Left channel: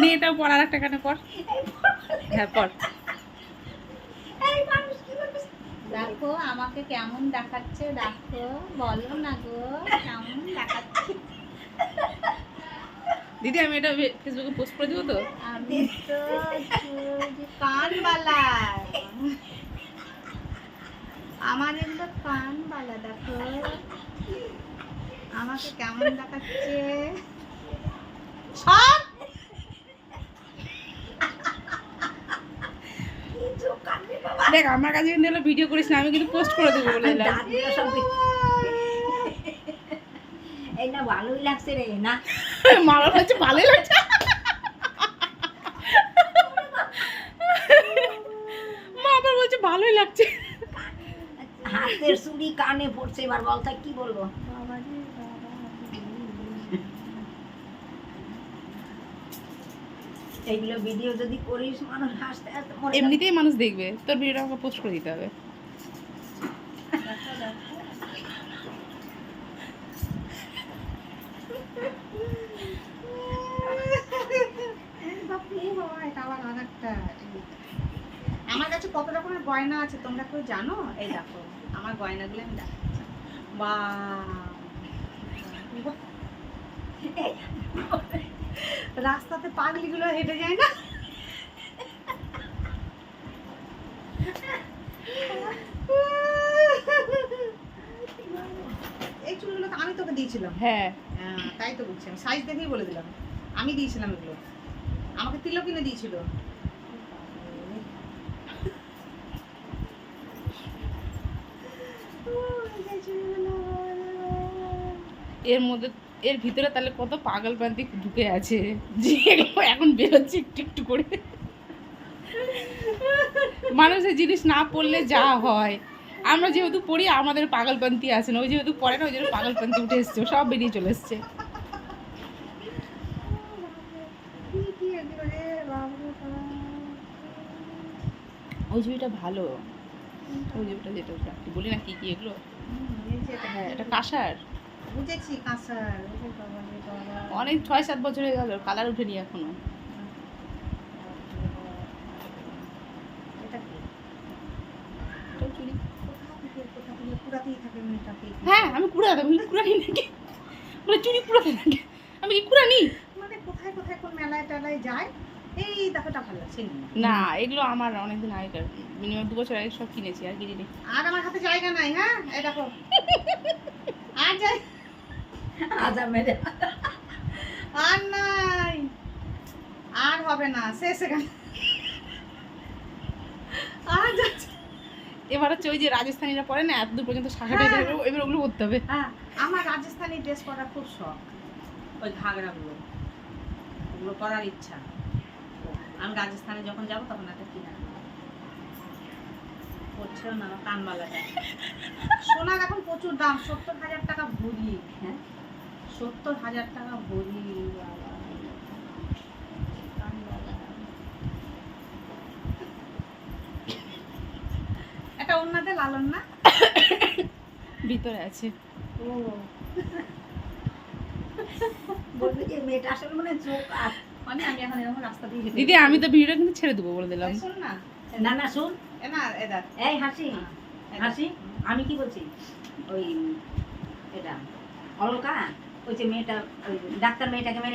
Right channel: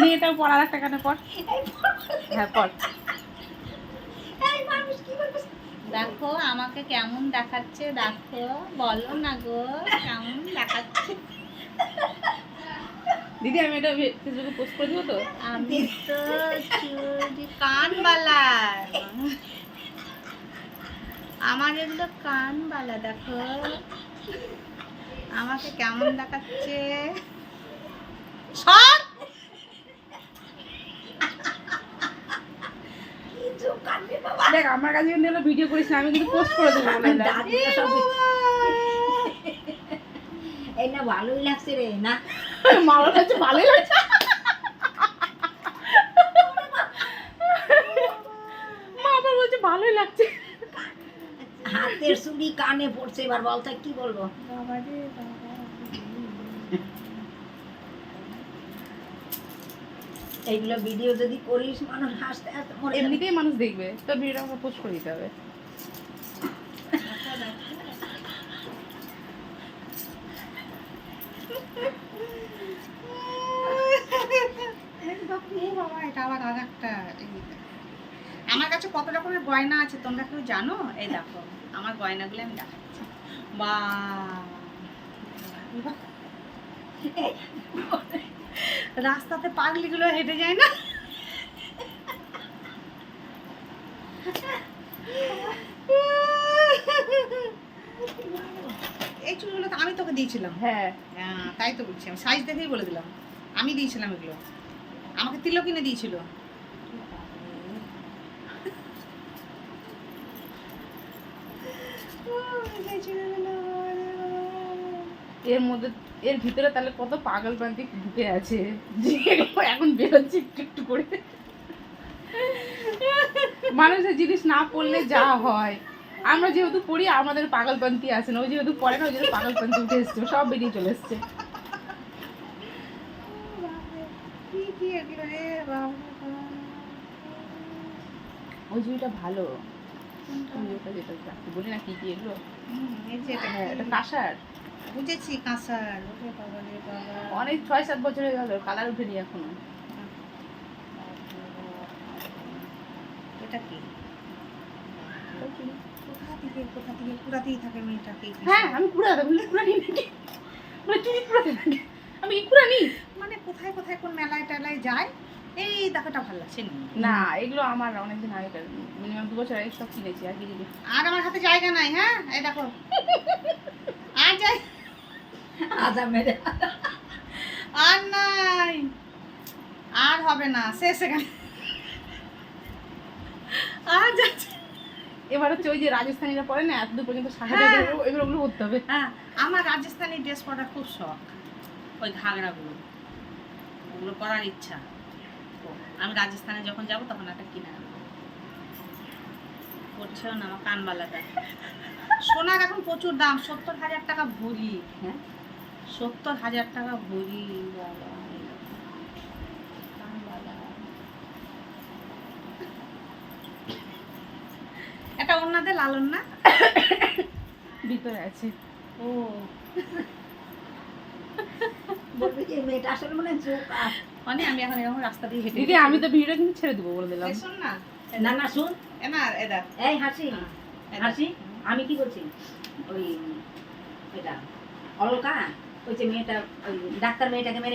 নিয়ে এটাও পর আর একটা কানে পর। হ্যাঁ পর। দেখো আমাকে কেমন দেখাচ্ছে, দেখো বলো না গো কেমন দেখাচ্ছে। দিদি আমি এটা ফেসবুকে পোস্ট করে দিব তো। আমি তো কানবালার, আমার এগুলো কানবালা, দেখো আমাকে কেমন দেখাচ্ছে। সব দেখ আমার কাছে কিন্তু এলো ভিডিও করিস না, আমি কিন্তু পোস্ট করে দেবো বলে দিলাম। এই না ভালোই লাগছে রে না। মা বলছে ভালোই লাগছে। মা আবার বলছে ভালোই লাগছে। হাতের চুড়ি কানে পড়ছে, এবার বল তাই কি বলবো। বাবা রে বাবা। এইগুলো ভিডিও যদি করিস মানুষ হাসতে হাসতে মরে যাবে। এমনিতেই মানুষ দেখবে, তোর ভিডিওটা আমাকে পোস্ট করে দিতে হবে। দেখো দেখো বাবা, এটা আবার আর একটা। আমার কাছে কত রকমের গয়না আছে তোমরা কেউ জানো? এই দেখো আমার গয়নাগুলো আমি দেখাচ্ছি। বা রাস্তাতে পাগলিগুলো হেঁটে যায় না, এই চুলগুলো তো আমি তোকে দিয়েছিলাম। হ্যাঁ তাই তো বলছি, আমি সাইজ দেখেই বলে দিলাম আমি দিয়েছিলাম এগুলো, আমাকে তিলক কিনে দিয়েছিল। এর মধ্যে এর ভিতরে তাহলে কত পাগল প্রান্তিক ঢুকে আছে যে এগুলো এখন বেরোচ্ছে একটু একটু করে। মানুষের জিনিস না পড়লে যা হয়, আমরা যেহেতু পড়ি আমাদের পাগলপন্থী আছে না, ওই যেহেতু পড়ে না ওই জন্য পাগলপন্থী উঠে এসছে, সব বেরিয়ে চলে এসছে। কি এগুলো রে বাবা। ওই ছবিটা ভালো, ওই ওটা যেটা কি বলি না কি কি এগুলো। এই যে এটা হ্যাঁ এটা কাঁসার, বুঝেছি কাঁসার। ওরে বাবা রে বাবা, অনেক 6-7 বছর হয়ে গেল, কালার উঠেনি এখনো। এটা কি? ওই চুড়ি। কোথা থেকে কুড়াতেই থাকে মেয়েটাকে। হ্যাঁ আমি কুড়া দেবো, কুড়া নিই নাকি, মানে চুড়ি কুড়াতে নাকি আমি কি কুড়া নিই? মানে কোথায় কোথায় কোন মেলায় টেলায় যায়। এই দেখাটা ভালো লাগছে না এগুলো আমার অনেকদিন আগেকার, মিনিমাম 2 বছর আগে সব কিনেছি, আর কিনিনি। আর আমার হাতে জায়গা নাই। হ্যাঁ এই দেখো আর যাই আদা মেরে আর নাই, আর হবে না, শেষ এখানে আর যাচ্ছে। এবার হচ্ছে ওই যে রাজস্থানীরা পরে না এত দূর পর্যন্ত শাখা হ্যাঁ। এবার ওগুলো করতে হবে। হ্যাঁ আমার রাজস্থানি ড্রেস পরার খুব শখ, ওই ঘাগরাগুলো ওগুলো পরার ইচ্ছা। আমি রাজস্থানে যখন যাব তখন একটা কিনে আনবো। পড়ছেও না আমার কানবালাটা। সোনার এখন প্রচুর দাম, 70,000 টাকা ভরি। হ্যাঁ 70,000 টাকা ভরি বাবা। কানবালা এটা ওনাদের লালন না ভিতরে আছে। ও বলবি যে মেয়েটা আসলে মানে চোখ আর মানে আমি এখন এরকম রাস্তা দিয়ে হেঁটে দিদি আমি তো ভিডিওটা কিন্তু ছেড়ে দেবো বলে দিলাম। এই শোন না, না না শুন এ না এদা এই হাসি হাসি আমি কি বলছি ওই এটা অলকা ওই যে মেয়েটা ওই ডাক্তার মেয়েটাকে মেরে